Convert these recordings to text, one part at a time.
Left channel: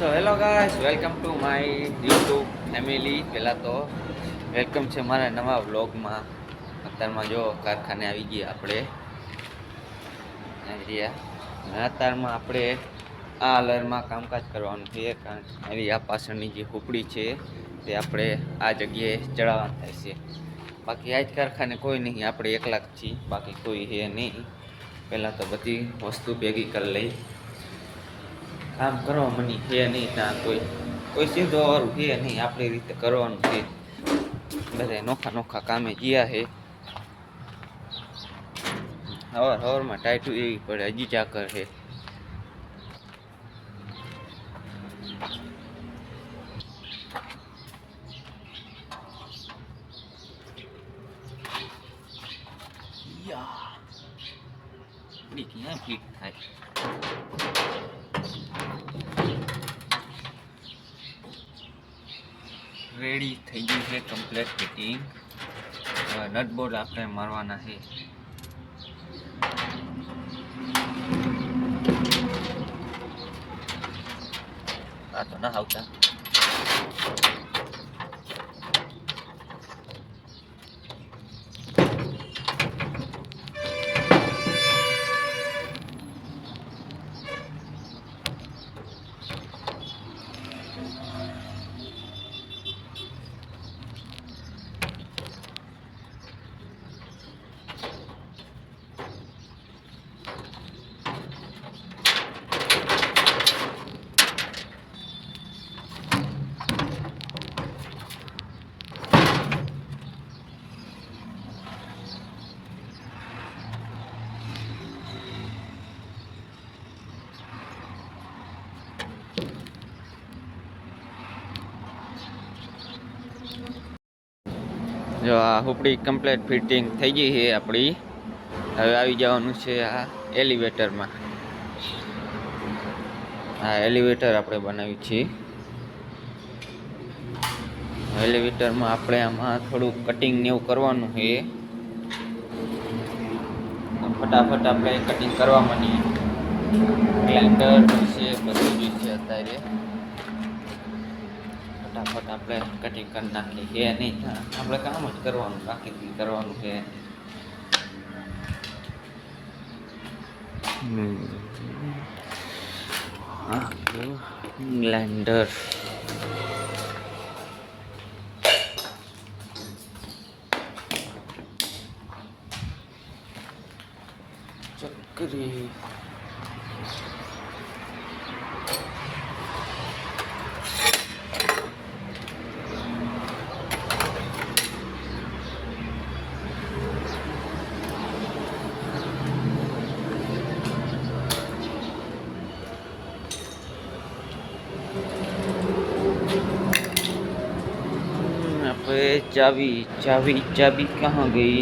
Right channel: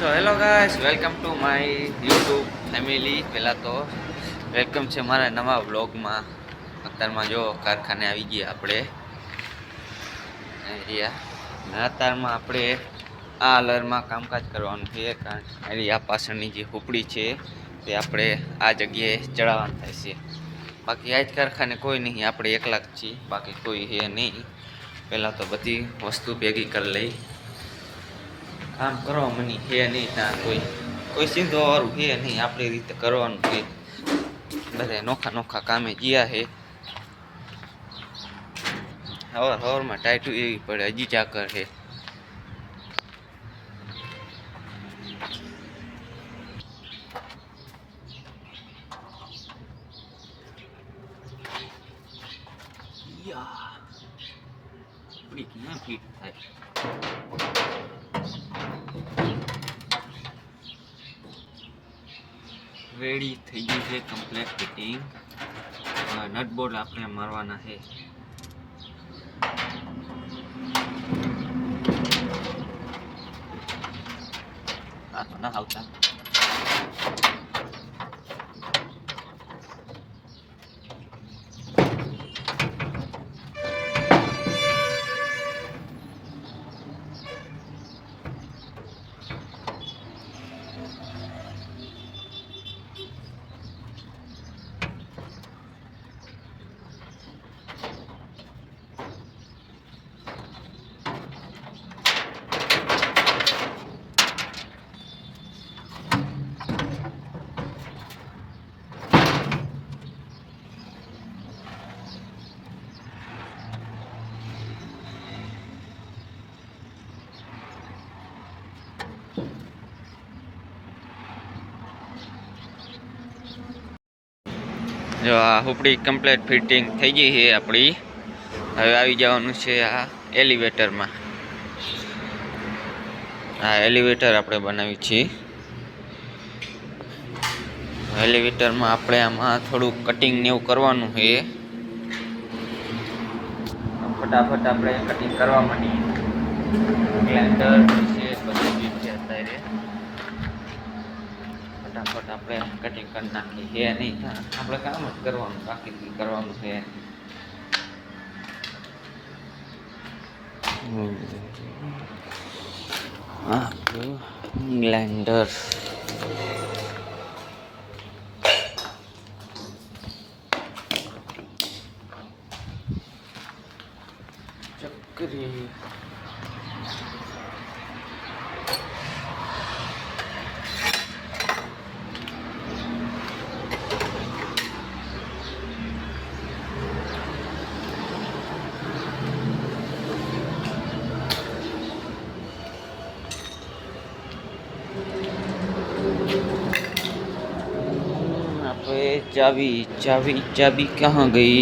So hello guys, welcome to my YouTube family. પહેલાં તો વેલકમ છે મારા નવા વ્લોગમાં. અત્યારમાં જો કારખાને આવી ગયા આપણે એરિયા. અત્યારમાં આપણે આ અલરમાં કામકાજ કરવાનું છે. કારણ આ પાછળની જે હુપડી છે તે આપણે આ જગ્યાએ ચડાવવાનું થાય છે. બાકી આ જ કારખાને કોઈ નહીં, આપણે એકલા જ છીએ, બાકી કોઈ છે નહીં. પહેલાં તો બધી વસ્તુ ભેગી કરી લઈ. કામ કરવા મની છે નહીં, ત્યાં કોઈ સીધો વાળું છે નહીં, આપણી રીતે કરવાનું છે. બધા નોખા નોખા કામે ગયા છે. હવારમાં ટાઈટું એવી પડે, હજી ચાકર છે. ક્યાં ફિટ થાય? રેડી થઈ ગઈ છે કમ્પ્લીટ ફિટિંગ. નટ બોર્ડ આપણે મારવાના છે. આ તો ના આવતા. જો આ હુપડી કમ્પ્લીટ ફિટિંગ થઈ ગઈ છે આપણી. હવે આવી જવાનું છે આ એલિવેટરમાં. આ એલિવેટર આપણે બનાવી છીએ. એલિવેટરમાં આપણે આમાં થોડુંક કટિંગ ને એવું કરવાનું છે. ફટાફટ આપણે કટિંગ કરવા માંડીએ. ગ્લાઇન્ડર છે, બધું જ છે અત્યારે. ફટાફટ આપણે કટિંગ કરી નાખીએ. કે નહીં, આપણે કામ જ કરવાનું, બાકી કરવાનું છે. ગ્લાઇન્ડર ચક્રી चाबी चाबी चाबी कहाँ गई?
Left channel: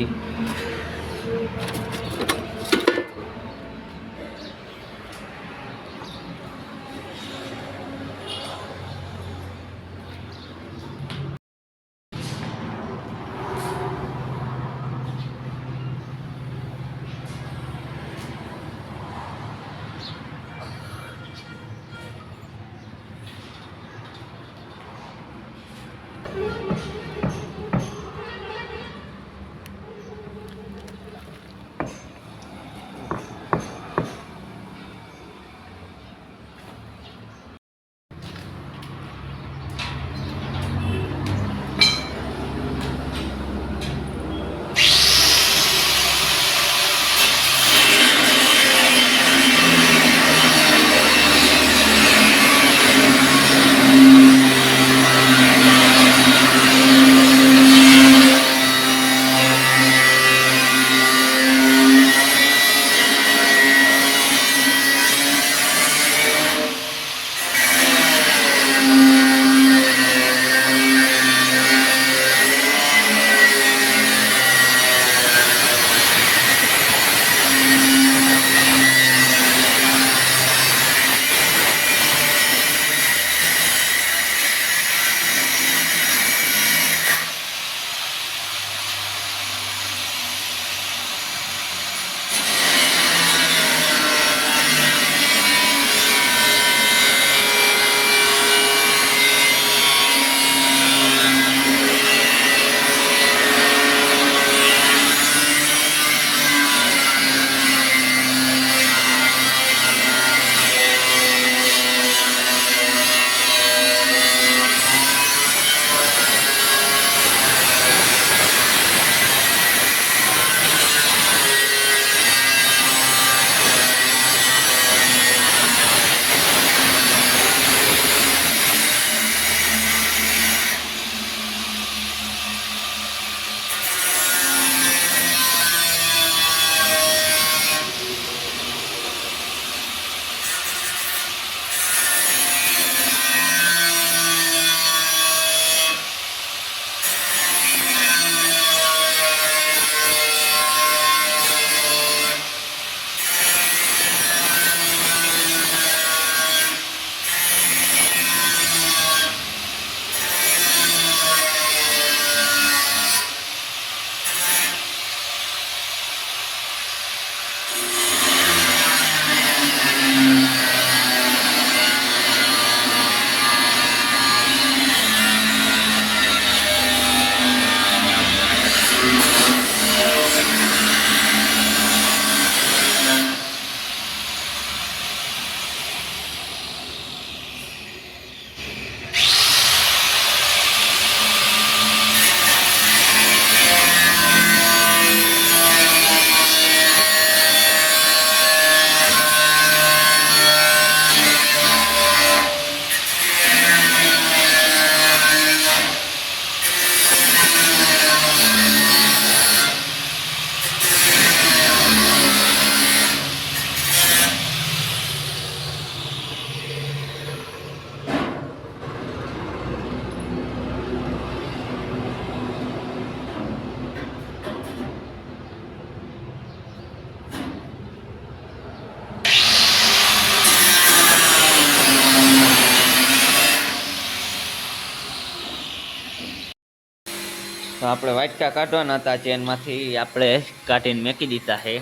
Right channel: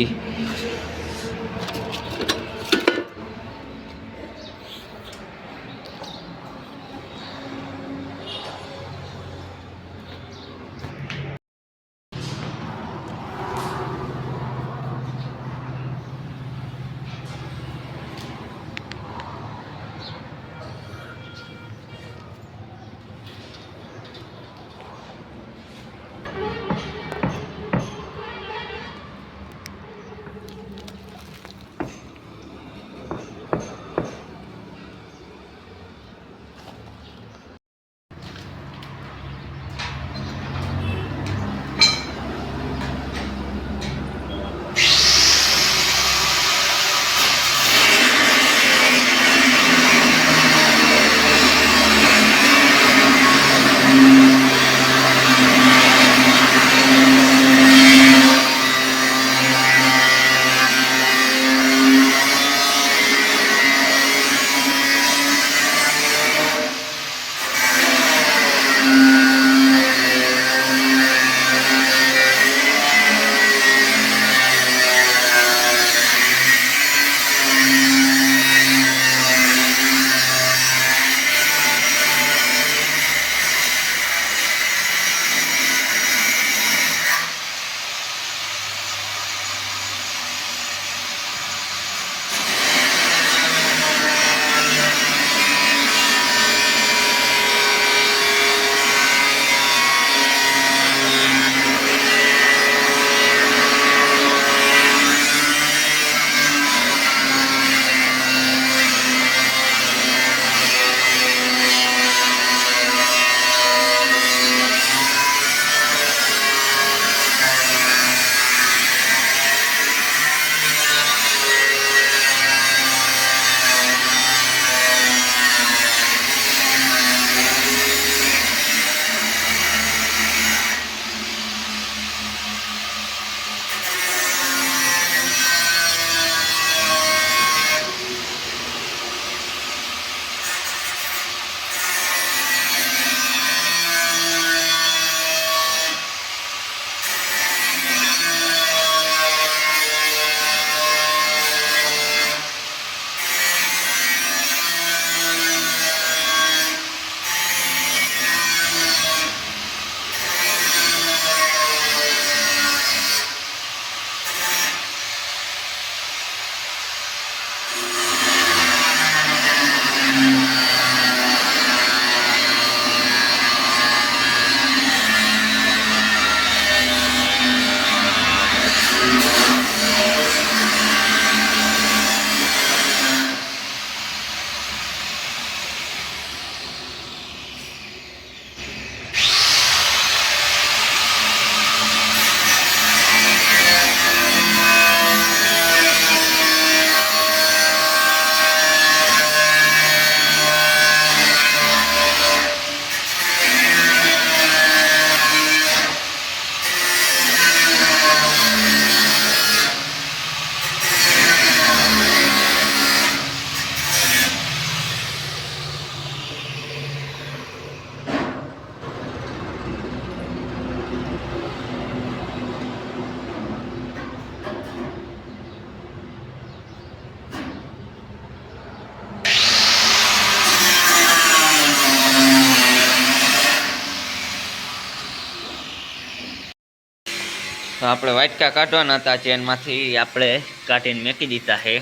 તો આપણે વાટકા કાઢવાના હતા ચેનમાંથી, આપણે કાઢીને મેકી દીધા છે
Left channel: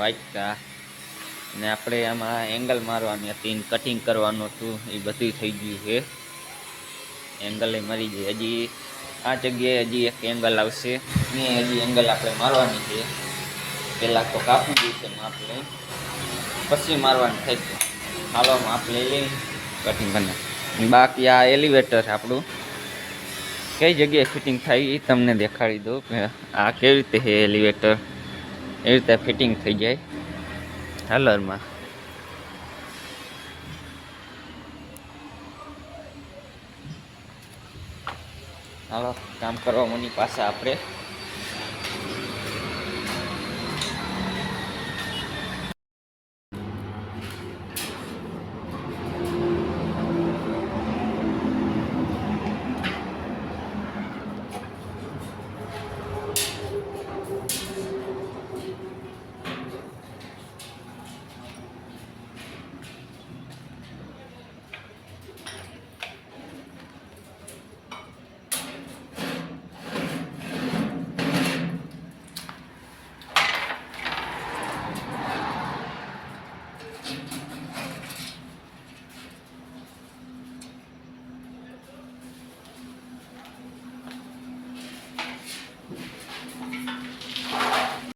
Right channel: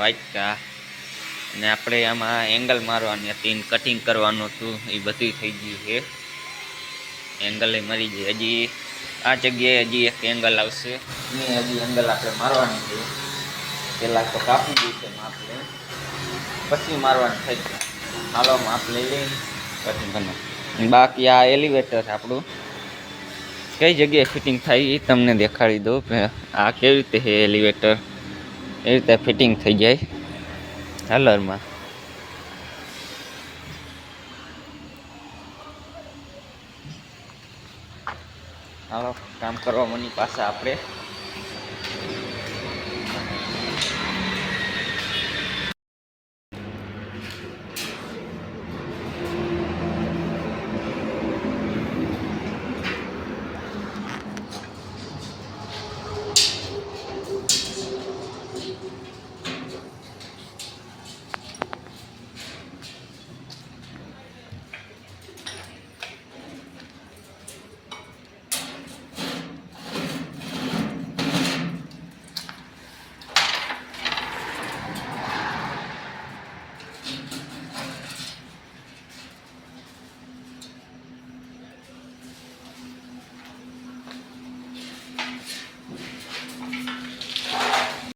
વાટકા. અને આપણે આમાં એંગલ મારવાની હતી, કટિંગ કરવાનું હતું, એ બધું થઈ ગયું છે. એંગલ મરી જાય. હજી આ જગ્યાએ હજી એક એંગલ આવશે, એ હજી એંગલ આપણે મારવાની છે. પહેલાં તો કાપી દઈએ છે માપ લઈ, પછી મારવાની થઈ છે. હાલો માપ લઈ લઈ કટિંગ કરી. બાકી આ એલિવેટર આપણું કઈ જગ્યાએ ફિટિંગ થાય એ તમને દેખાડી દઉં. આ કેવી રીતે છે એલિવેટર, એ રીતે ફિટિંગ થઈ જાય હાલરમાં. હાલો કામ કરવા મની પાછા આપણે